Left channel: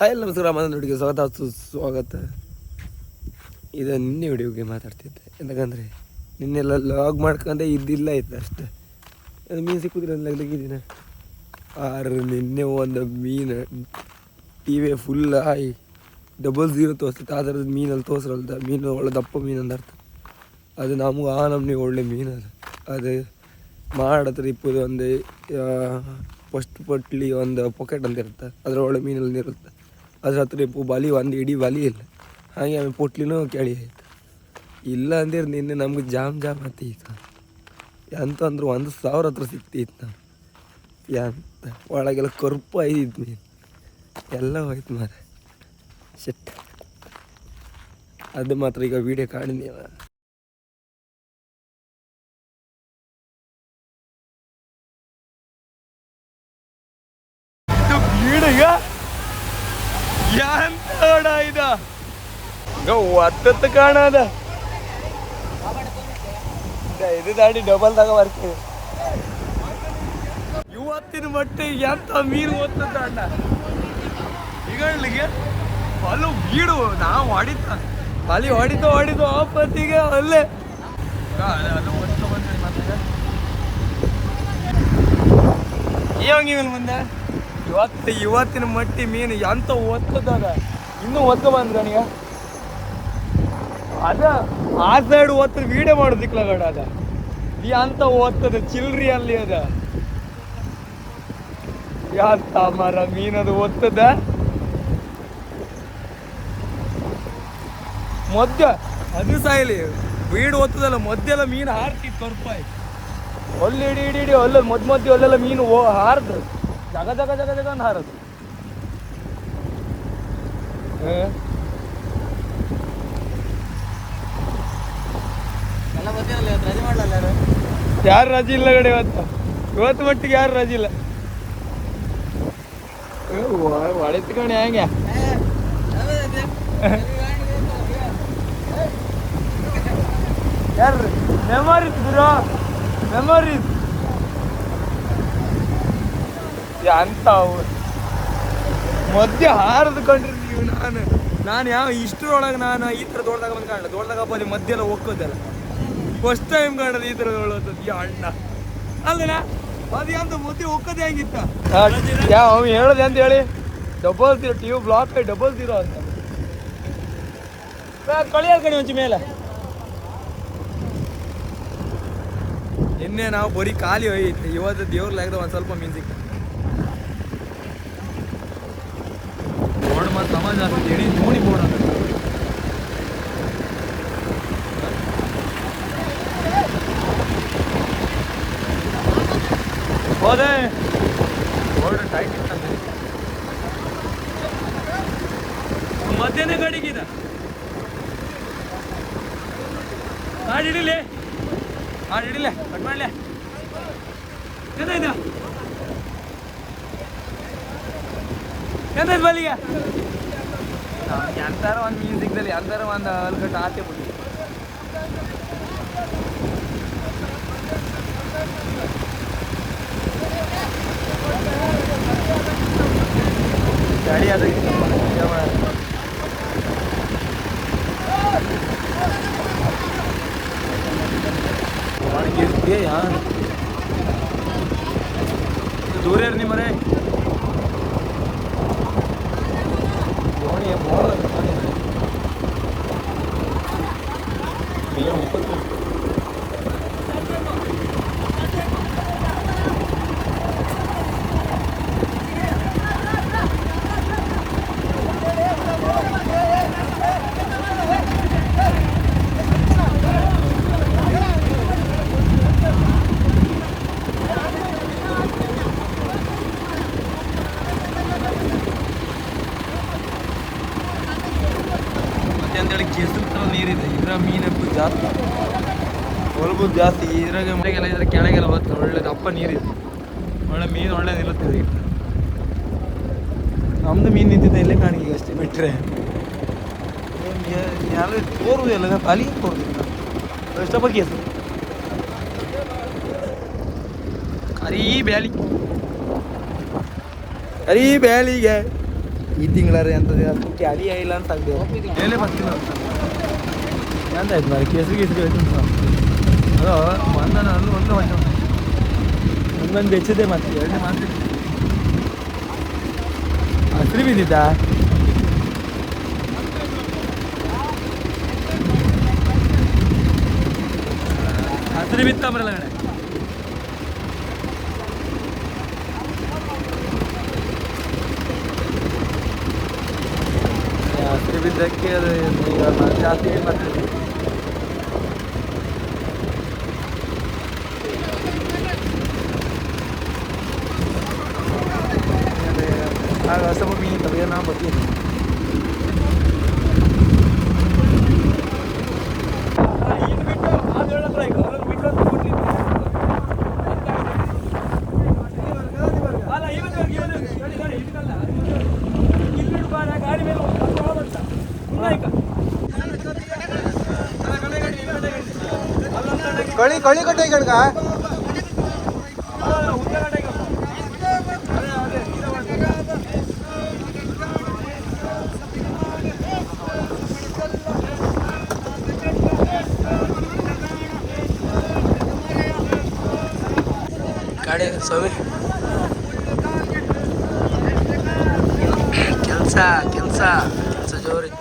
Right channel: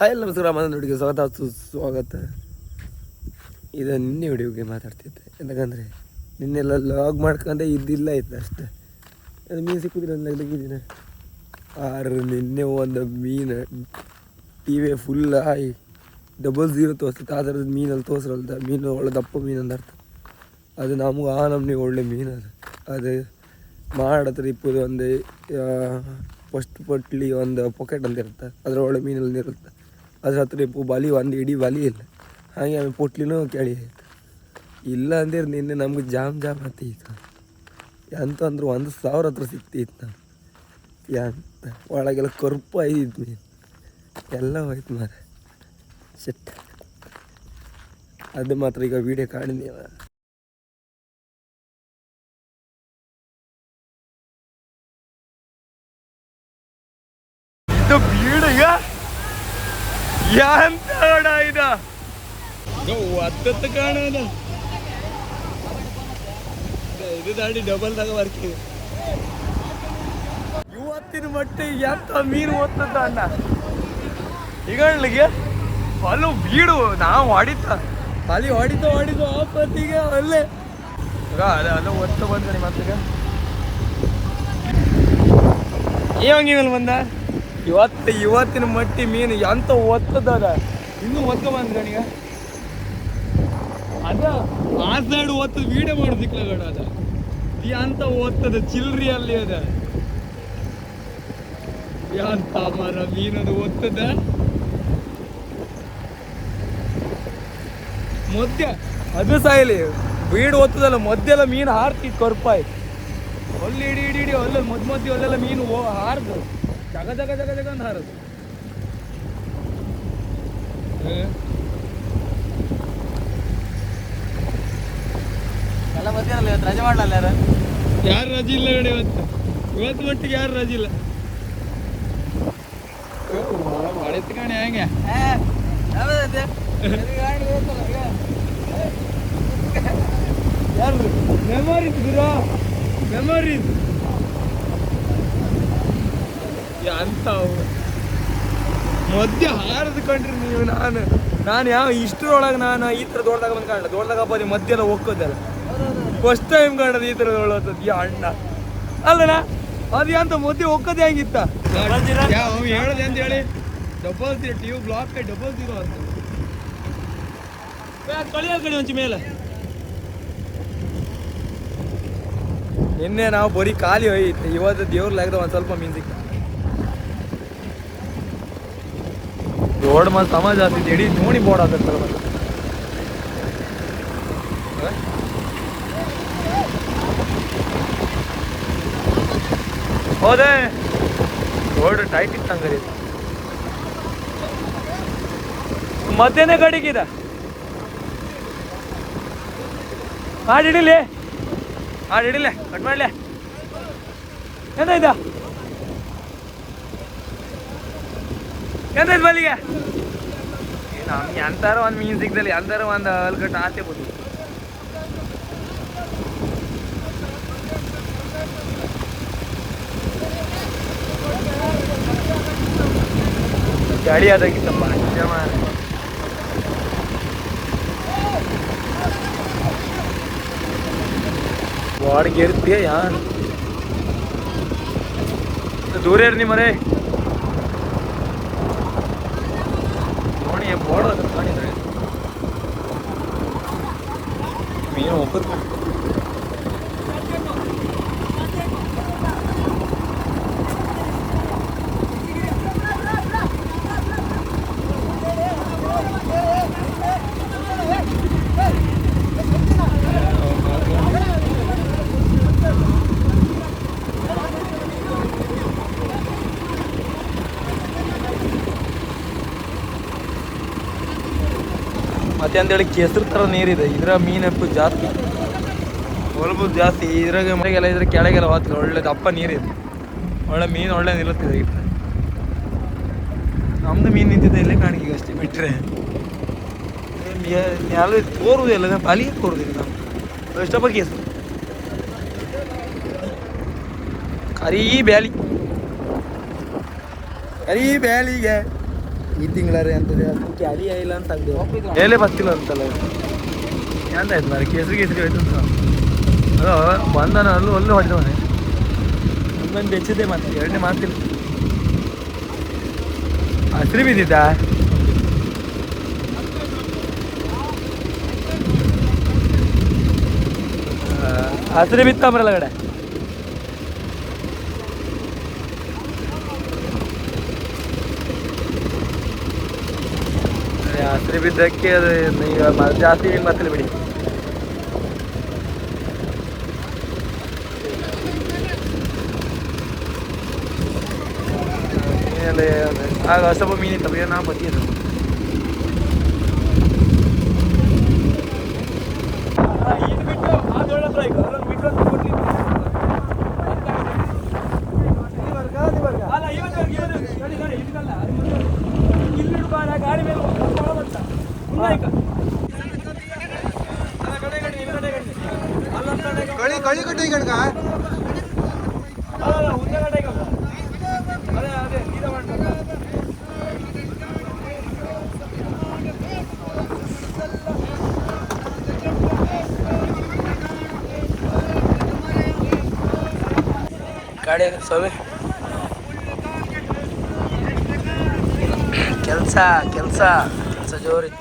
Hi ನಮಸ್ಕಾರ ಮನೆ ಹುಡುಗಿ ಸ್ವಾಗತ ಸುಸ್ವಾಗತ ಇದು ನಿನ್ನೆ ವಿಡಿಯೋಗೆ ಮಾತಾಡ್ತಿದ್ದೆ. ಯಾಕಂದರೆ ನಿನ್ನೆಲ್ಲ ಲಾಗ್ ಮಾಡ್ಕೊಂಡೆ ಇದ್ದಿಲ್ಲ ಇತ್ತು ಅಷ್ಟೇ. ಅದು ಮೀನು ಸಿಕ್ಕಿದ್ರೆ ಲಗ್ಗಿದ್ದೀನ ಆರು, ನಿನ್ನೆ ಒಂದು ಮೀನು T V full high double zero ತೋರಿಸ್ತಿತ್ತು ಆ ಥರದ ಮೀನಲ್ಲಿ ತೋರಿಸ್ರಲ್ದ ಮೀನು ಒಳ್ಳೆ ದಪ್ಪ ಮೀನು ಅಂತ ಅರ್ಥ. ಅದು ನಮಗೆ, ಆ ನಮ್ನಿ ಒಳ್ಳೆ ಮೀನು ಅದು. ಅದು ಮಾಡತ್ರ ಇಪ್ಪದು ಒಂದು ಫಸ್ಟ್ ಪಟ್ಲಿ ಒಂದು ಪಾಕೆಟ್ ಅಂತ ಇರುತ್ತೆ ಅದರ ಒಳ್ಳೆ ಮೀನಲ್ಲಿ ಇರುತ್ತೆ. ಅದ್ರ ಹತ್ರ ಇಪ್ಪು ಬಲಿ ಒಂದು ಇಡೀ ಬಾಲಿ ಇಲ್ಲ. ಹಾಗೆ ಆಮೇಲೆ ಪೊಟ್ಲಿನೂ ಕೇಳಿ ಆಯ್ತು. ಇಲ್ಲ ಅಂದ್ರೆ ನಿನ್ನೆ ನಮ್ಗೆ ಜಾಮ್ ಜಾಮ್ ಆತೀತು ಎಂತ ಅಂದ್ರೆ ಒಂದು ಸಾವಿರ ಹತ್ರ ಸಿಕ್ತಿತ್ತು ನಾವು ಎಂತ? ಒಳಗೆಲ್ಲ ಕರ್ಪು ಐದಿತ್ತು ಮೀನು. ಎಲ್ಲ ಹೋಯ್ತು ಮಾರ ಶೆಟ್ ಅದು ಮಾತ್ರ ಈಗ ವಿಡಿಯೋ ಕಾಣಿದೀವ ಇದು ಬೀಡು ಎಂತ ನೋಡ ಇದ ಒತ್ತತ್ತು ಕಾಣದ ಇದು ದಾಡಿ ಡಬಲ್ ದಾಗ ಬರ್ತದೆ. ಇವತ್ತಿನ ಮಟ್ಟಿಗೆ ಎಂತ ಮೀನು ಓದ್ತದ ಅಣ್ಣ ಈಗಳಿಗೆ ಅಲ್ಲೂ ಬೀಡು ನಾವು ಹೊಡಿತ ಅಲ್ಲಿ ಹೊಡಿತ ಹೊಡಿತು ಆಪತ್ತಿಗೆ ಅಲ್ಲೇ. ಅದು ಒತ್ತು ಬಂದ ಮತ್ತೆ ಏಂಗಿ ಮೇಲೆ ಬಂದ? ಇವತ್ತು ಇವತ್ತಿನ ಮಟ್ಟಿ ಮೀನು ಎಂತ ಒತ್ತದ ಇನ್ನೂ ಒತ್ತ ಬಂದ ಅದ, ಆ ಸೈಡ್ ಒತ್ತದ ವೀಡಿಯೋ ಮಾಡೋದಿಕ್ಲ ಗಡ ಅದ. ಅಂತ ಒತ್ತದ ಚಿಲ್ರಿ ಅಲ್ಲಿ ಅದ? ಯಾಂತ ಮರ ಮೀನದು ಒತ್ತದ? ಮಧ್ಯ, ಅದು ಸಾಯಿಲಿ ಬೀಡು ಒತ್ತದಲ್ಲ ಮದ್ದೆಲ್ಲ ಮೀನು ಹಾರ್ತಿ ಕರ್ಪಾಯ್ ಅಲ್ಲಿ ಇಡಿ ಇಡಿ ಇಡಿ ಮದ್ ಮಧ್ಯ ಅಲ್ಲೆಲ್ಲ ಮೀನು ಹಾರ್ದು. ಜಗ ಜಗ ಜಗ ಜಗ ಅಂತ ಹಾರದು ಎಲ್ಲ ಗೊತ್ತಿರಲ್ಲ ಇವತ್ತು ರಜೆ ಮಾಡಲ್ಲ ಯಾರು ಯಾರು ರಜೆ ಇಲ್ಲ ಕಡೆ ಇವತ್ತು ಇವತ್ತು ಮಟ್ಟಿಗೆ ಯಾರು ರಜೆ ಇಲ್ಲ ಹೊಡೆತು ಕಣೆ ಹೆಂಗೆ ಯಾರು ಮೆಮೊರೀಸ್ ಗುರು ಮೆಮೊರೀಸ್ ಅಂತಾವು ಮಧ್ಯ ಹಾರದ್ಕೊಂಡ್ರಿ ನೀವು ನಾನು. ನಾನು ಯಾವ ಇಷ್ಟರೊಳಗೆ ನಾನು ಈ ಥರ ದೊಡ್ಡದಾಗ ಬಂದು ಕಾಣಲ್ಲ ದೊಡ್ಡದಾಗ ಬರೀ ಮಧ್ಯ ಎಲ್ಲ ಹೋಗೋದಲ್ಲ ಫಸ್ಟ್ ಟೈಮ್ ಕಾಣೋದು ಈ ಥರ ಯಾ, ಅಣ್ಣ. ಅಲ್ಲಣ್ಣ, ಅದು ಎಂತ ಮಧ್ಯೆ ಹೋಗೋದೇ ಹೆಂಗಿತ್ತ? ಯಾವ ಅವ್ನು ಹೇಳೋದು ಅಂತ ಹೇಳಿ? Double zero T block double zero ಅಂತ. ಕಳಿಯಲ್ ಕಣಿ ಒಂಚು ಮೇಲೆ. ನಿನ್ನೆ ನಾವು ಬರೀ ಖಾಲಿ ಹೋಯ್ತು. ಇವತ್ತು ದೇವ್ರ ಲೆಗದ ಒಂದು ಸ್ವಲ್ಪ ಮೀನು ದೊಡ್ಡ ಮತ್ತೆ ಸಮಾಜ ಆಗ್ತೈತಿ ಇಡೀ ನೋಡಿ ಬೋರ್ಡ್ ಆಗ್ತೈತೆ ಹೋದೆ. ಬೋರ್ಡ್ ಟೈಟ್ ಇತ್ತಂದ್ರೆ ಮಧ್ಯಾಹ್ನ ಗಡಿಗಿದೆ ಹಾಡು ಹಿಡಿಲಿ. ಹಾಡು ಹಿಡಿಲೆ. ಕಟ್ ಮಾಡಲೆ. ಎಂತಾಯ್ತು ಎಂತಾಯ್ತು ಬಲಿಗೆ? ನಮ್ಗೆ ಎಂತಾರ ಒಂದು ಮೀನ್ ಸಿಗ್ದಲ್ಲಿ ಎಂತಾರ ಒಂದು ಅಲ್ಗಟ್ಟ ಆಸೆ ಬಿಡಿ ಗಾಡಿ ಆದಾಗಿತ್ತಪ್ಪ ಬಾಡಿಗೆ ಇರ್ತೀಯ ಯಾರು ದೂರ ಇರ್ ಮರೆ ದೋಣಿ ಬೋರ್ಡ್ ಮೀನು ಒಪ್ಪತ್ತು ಮತ್ತೆ ಅಂತೇಳಿ ಕೆಸರು ಥರ ನೀರಿದೆ. ಇದ್ರ ಮೀನಪ್ಪು ಜಾಸ್ತಿ. ಹೊಲಬು ಜಾಸ್ತಿ. ಇದ್ರಾಗ ಮಳೆಗೆಲ್ಲ ಇದ್ರ ಕೆಳಗೆಲ್ಲ ಹೋಗ್ತದೆ. ಒಳ್ಳೆ ದಪ್ಪ ನೀರಿದೆ. ಒಳ್ಳೆ ಮೀನು ಒಳ್ಳೆ ನಿಲ್ಲುತ್ತಿದೆ ಇಟ್ಟರೆ ನಮ್ದು ಮೀನು ನಿಂತಿದೆ ಇಲ್ಲೇ ಕಾಣಿಕೆ ಅಷ್ಟೇ ಬಿಟ್ಟರೆ ಯಾರು ತೋರುವುದಿಲ್ಲ ಅಲ್ಲಿಗೆ ತೋರುದಿಲ್ಲ ನಾವು ಇಷ್ಟಪಟ್ಟು ಕೆಸರು. ಕರೀ ಬ್ಯಾಲಿ ಕರೀ ಬ್ಯಾಲಿಗೆ ಈ ತಿಂಗಳಾರೆ ಅಂತದೆ ಅದಕ್ಕೆ ಅಲಿ ಇಲ್ಲ ಅಂತ ಆಗ್ದೇವ್ರೆ ಹೇಳೇ ಬರ್ತಿಲ್ಲ ಅಂತಲ್ಲ ಎಂತಾಯ್ತು ಮಾರಿ ಕೇಸರಿ ಕೇಸರಿ ಅಂತ. ಅದು ಬಂದನ ಅಲ್ಲೂ ಹೊಡೆದ ಮನೆ ಒಂದೊಂದು ಹೆಚ್ಚಿದೆ ಮತ್ತೆ, ಎರಡನೇ ಮಾತಿಲ್ಲ. ಹಸಿರು ಬಿದ್ದಿದ್ದ? ಹಸಿರು ಬಿತ್ತಂಬ್ರಲ್ಲ ಕಡೆ ಹಸಿರು ಬಿದ್ದಕ್ಕೆ ಅದು ಈಗ ಮ- ಜಾಸ್ತಿ ನೀರು ಮತ್ತೆ ಬಿಡಿ ಆಮೇಲೆ ಆಗ ಸ್ವಲ್ಪ ಮೀನಿತ್ತಲ್ಲ ಏನೋ ಬತ್ತಿದ್ದು ಕಳಿ ಗಾಡಿ ಸ್ವಾಮಿ. ಕೆಲಸ ಕೆಲಸ ಕೆಲಸ ಜೋರಿತ್ತು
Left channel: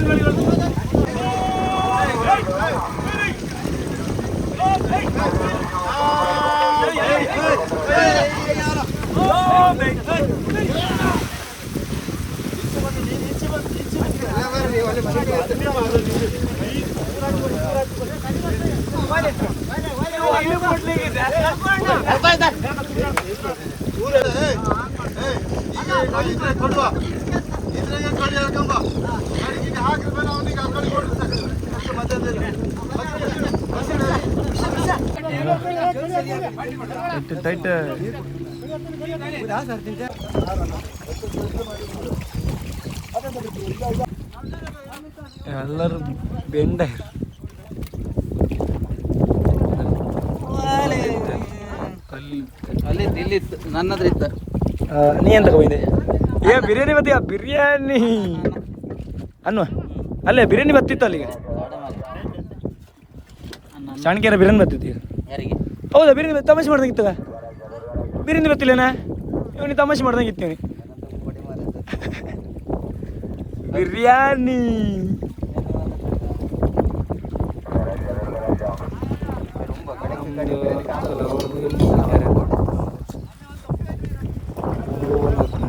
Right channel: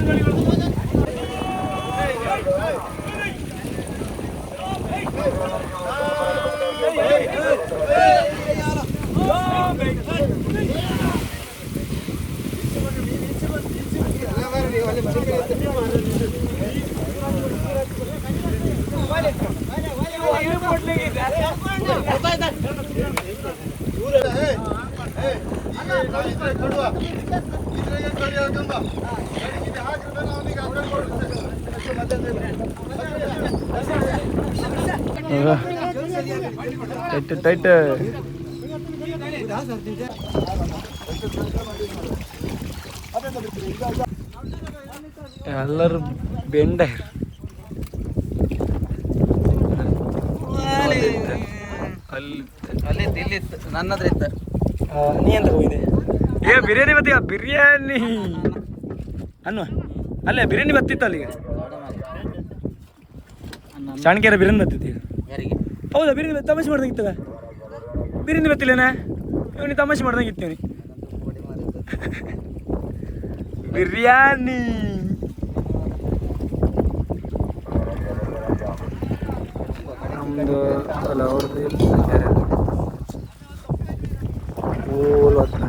Hey! ಟೈಟ್ ಟೈಟ್ ಎಲ್ಲರೂ ಬೆಂಡ. ಅಲ್ಲಿ ಅಲ್ಲಿ ಇಲ್ಲಿ ನನ್ನ ಹತ್ರ ಇತ್ತು ನೀ ಎಂತ ಹೋಗಿದೆ ಏ ಬಿರಿಯಾನಿ ಬತ್ತೀಯ ಬಿರಿಯಾನಿ? ಅನ್ನು ಅಲ್ಲೇ ಬಿರಿಯಾನಿ ಬತ್ತಿತ್ತು ಅಲ್ಲಿಗೆ? ಚಾಣಕ್ಯರ ಬಿರಿಯಾನಿ ಬತ್ತಿತ್ತು ಹೌದಾ ಬಿರಿಯಾನಿ ತಮಾಷೆ ಮಾಡ್ದಂಗಿತ್ತದ ಬಿರಿಯಾನಿ ಬತ್ತಿಲ್ಲೇನ? ಇವನಿಗೆ ತಮಾಷೆ ಮಾಡ್ದಂಗಿತ್ತು ಇವನಿಗೆ. ಬಿರಿಯಾನಿ. ಒಂದು ಅಲ್ಲ ಅವ್ರದ್ದು ಇಲ್ಲಿ ಯಾರು? ಓಲ್ ಹತ್ರ.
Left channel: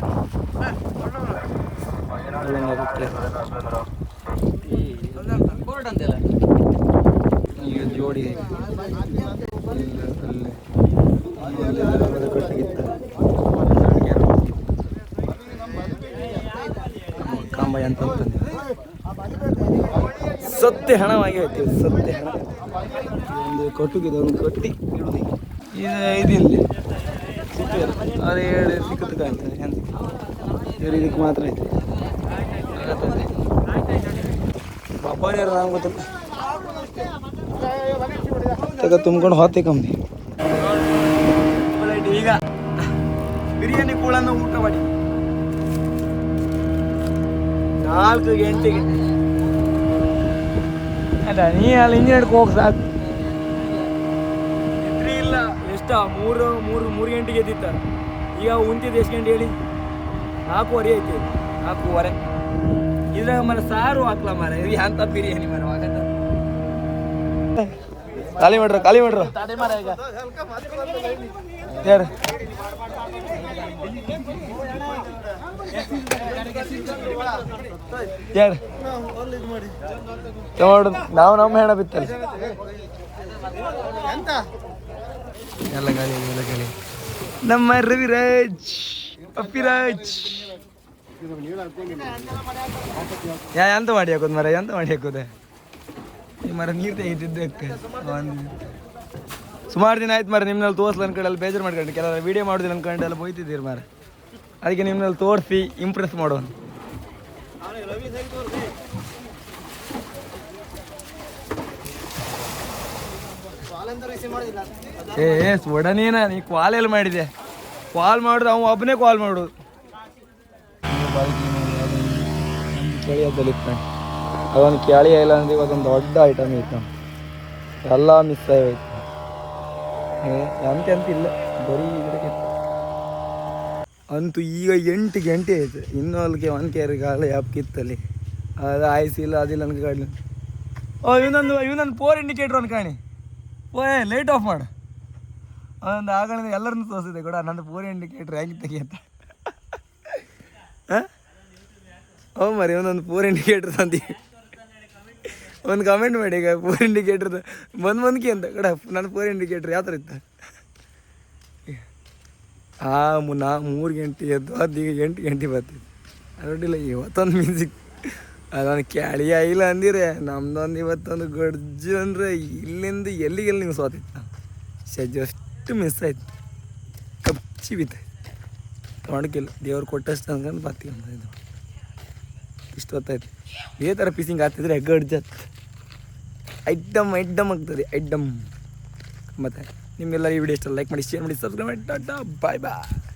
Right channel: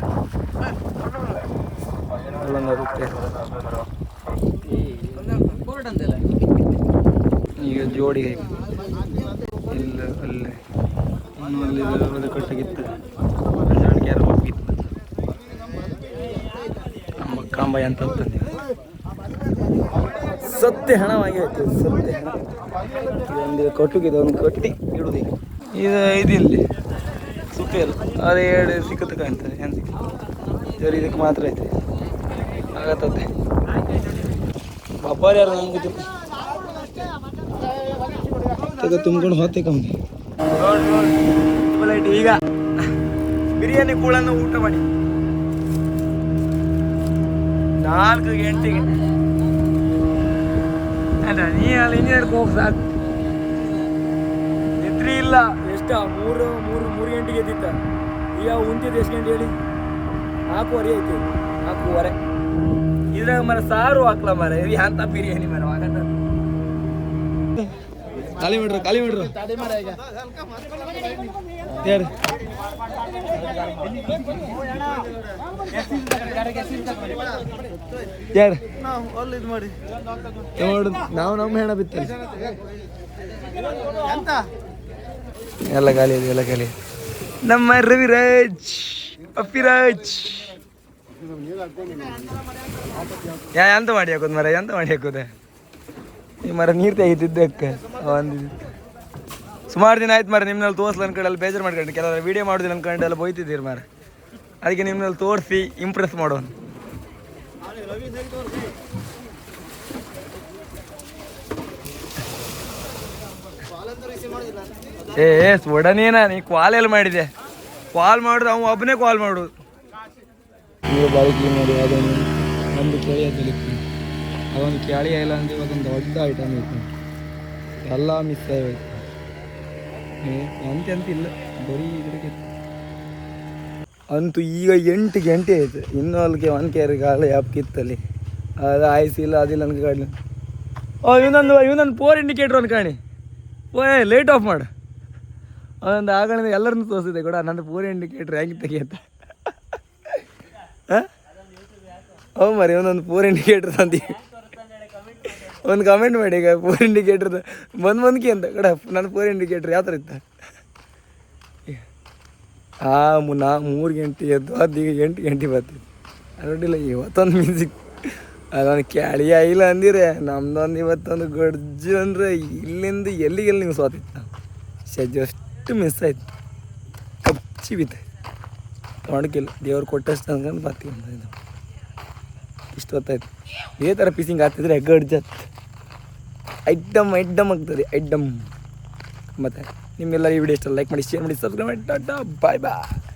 ಅಲ್ಲೊಂದು ಅದಕ್ಕೆ ಬೋರ್ಡ್ ಅಂತೆಲ್ಲ ಈಗ ಜೋಡಿ ಇಲ್ಲ ಅಲ್ಲೇ ಇನ್ನು ಕಾಂಬಾಯಿ ಅಂತ ಸತ್ಯ ಹಣವಾಗಿ ಹೋಯ್ತು ಸತ್ಯ ಹಣ ಒಂದು ಕಟ್ಟುಗಿದೆ ಒಂದು ಕಟ್ಟಿ ಇಡುದು. ಇದು ಇದಿಲ್ಲ ಸುತ್ತ ಅದು ಎರಡು ಸಿಕ್ಕತ್ತು ಕಾಣ್ತದೆ ಇದಕ್ಕೆ ಮಾತ್ರ ಐತೆ ಆಗತ್ತದೆ ಬಬ್ಬಾರಿ ಯಾರು ನಂಗೆ ಗೊತ್ತಿಲ್ಲ. ತಗ ತುಂಬ್ಕೊಂಡು ಹೋತೆ ಕಮ್ಮಿ ಈಗ ಬಿರಿಯಾನಿ ಕೂಳನ್ನು ಊಟ ಮಾಡಿ. ನಾಲ್ಕು ಗಂಟೆಗೆ. ಅದ ನೀ ಅಲ್ಲಿ ಇಂಜಿನಿಯರ್ ಹೋಗಿ ಸಾಕು. ನಿದ್ರಿ ಇಲ್ಲ. ಎಷ್ಟ? ಮೂರು ಮೂರು ಮೂರು ಗಂಟೆಗೆ ಎದ್ದಿತ್ತ ಈಗ ಉಂತಿದ್ದು ಎಷ್ಟು ಗಂಟೆ ಹೇಳಿ? ನಾಲ್ಕೂವರೆ ಐತಿ. ನಾಲ್ಕೂವರೆ. ಇದ್ರಾಗ ಮರ ಸಾರು ಹಾಕ್ಲ ಮರ ಇದು ಅಂತ ಬಿರಿಯಾನಿ ಮರ ಖಾಲಿ ಮಾಡ್ರ ಖಾಲಿ ಮಾಡ್ರ. ತಡಿ ಮರ ಈಗ. ಹೇಳಿ ಯಾರು ನೋಡು ನಾವು ನಮ್ಮ ಹೆಣ ಬಿತ್ತಲ್ಲ. ಎಲ್ಲ ಖಾಲಿ ಎಲ್ಲ ಗಾಲಿ ನಮ್ಮ ರವಿರಾಜ್ ಅಪ್ಪಿರಾಜ್ ಯಾ, ಎಂತ ಮಾಡಿ ಹಾಕೋದು ಮರ ಎಂತ ಮಾಡಿ ಹಾಕೋದೆ? ಈ ಮರ ನೀರು ತೆಗಿತಿದ್ದಕ್ಕೆ ಒಂದು ಸುಮಾರು ದಿನ ಆಯ್ತು ಮರ ನಿಮ್ಮಲ್ಲಿ ತೋರಿಸ್ಲ ಅಲ್ಲಿ ಬೇಜಾರು ಮಾಡ್ಕೊಂಡು. ಕೆಲವರು ವೀಡಿಯೋ ಮಾಡೋದಿಲ್ಲ ಅನ್ಕೊಂಡು ಎಲ್ಲ ಬೈತಿದ್ದೀರಿ ಮರ ಅದಕ್ಕೆ ನಿಮ್ಮಲ್ಲಿ ತೋರಿಸಿ ಇಂಪ್ರೆಸ್ ಮಾಡೋನು. ಏ ಏ ಒಡನೇನ ನೀ ಕಾಲ್ ಎಲ್ಲ ಮಾಡಿದೆ? ಕಾಲ್ ಮಾಡಿದ್ರೆ ಅವ ಒಬ್ಬನೇ ಕಾಲ್ ಈ ಬಾಳಿಕೆ ನೋಡಿ ಅದೊಂದು ಒಂದು ಕೆಳೆಯದಲ್ಲಿ ಇಟ್ಕೊಂಡು ಅದೊಂದು ಕೆಳಿ ಇಲ್ಲ ಅಂದ್ರೆ ಒಂದು ದೊಡ್ಡ ಐಟಮ್ ಇತ್ತು. ಎಲ್ಲ ಮಿಸ್ ಆಗಿತ್ತು ಎಂತ ಎಂತ ಇಲ್ಲ. ಬರೀ ಇದಕ್ಕೆ ಅಂತೂ ಈಗ ಎಂಟು ಗಂಟೆ ಆಯಿತು. ಇನ್ನೂ ಅಲ್ಲಿಗೆ ಒನ್ ಕೇರಿ ಗಾಳಿ ಆಪ್ ಕಿತ್ತಲ್ಲಿ. ಅದು ಆಯ್ಸಿಲ್ಲ ಅದಿಲ್ಲ ನನಗೆ ಗಾಡಿ ಓ ಇವನೊಂದು ಇವನೊಂದು ಫೋರ್ ಇಂಡಿಕೇಟ್ರ್ ಒಂದು ಕಾಣಿ. ಓಯ್ ಲೇಟ್ ಆಫ್ ಮಾಡು. ಒಂದು ಆಗಣ ಎಲ್ಲರನ್ನು ತೋರಿಸಿದೆ ಕೂಡ. ನಂದು ಫೋರ್ ಇಂಡಿಕೇಟ್ರ್ ಹೆಂಗೆ ತೆಗಿಯತ್ತೆ? ಹಾಂ ಮರಿ ಒಂದೊಂದು ಪೂರ್ ಇಂಡಿಕೇಟ್ರ್ ತಂದು. ಒಂದು ಕಮೆಂಟ್ ಮಾಡಿ ಈಗ, ಪೂರ್ ಇಂಡಿಕೇಟ್ರ್ ಬಂದು ಬಂದ್ಕಿ ಅಂತ, ಕಡ ನನ್ನ ಪೂರ್ ಇಂಡಿಕೇಟ್ರ್ ಯಾವ ಥರ ಇತ್ತ? ಆ, ಮು- ನಾ, ಮೂರು ಗಂಟೆ ಎದ್ದು ಅದು ಈಗ ಎಂಟು ಗಂಟೆ ಬರ್ತೀವಿ ಅರಡಿಲ್ಲ ಇವತ್ತೊಂದು ಮ್ಯೂಸಿಕ್ ಅದೊಂದು ಕ್ಯಾಳಿ ಇಲ್ಲ ಅಂದಿರೆ, ನಮ್ದೊಂದು ಇವತ್ತೊಂದು ಗಡ್ಜು ಅಂದರೆ ಇಲ್ಲಿಂದ ಎಲ್ಲಿಗೆಲ್ಲಿ ನೀವು ಸೋತಿತ್ತು ಸಜ್ಜು ಅಷ್ಟು ಮಿಸ್ ಆಯ್ತು. ಕಪ್ಚಿ ಬಿತ್ತು ತೊಗೊಂಡ್ಕಿಲ್ಲ ದೇವ್ರು ಕೊಟ್ಟಷ್ಟು ಅನ್ಕೊಂಡು ಬರ್ತೀವಿ ಇದು ಇಷ್ಟು ಹೊತ್ತಾಯ್ತು. ಇದೇ ಥರ ಪೀಸಿಂಗ್ ಆಗ್ತಿದ್ರೆ ಗಡ್ಜತ್ ಐಟಮ್ ಐಟಮ್ ಆಗ್ತದೆ ಐಟಮ್ ಮತ್ತೆ ನಿಮ್ಮೆಲ್ಲ ಈ ವಿಡಿಯೋ ಇಷ್ಟ ಲೈಕ್ ಮಾಡಿ ಶೇರ್ ಮಾಡಿ ಸಬ್ಸ್ಕ್ರೈಬ್ ಮಾಡಿ. ಟಾಟಾ ಬಾಯ್ ಬಾಯ್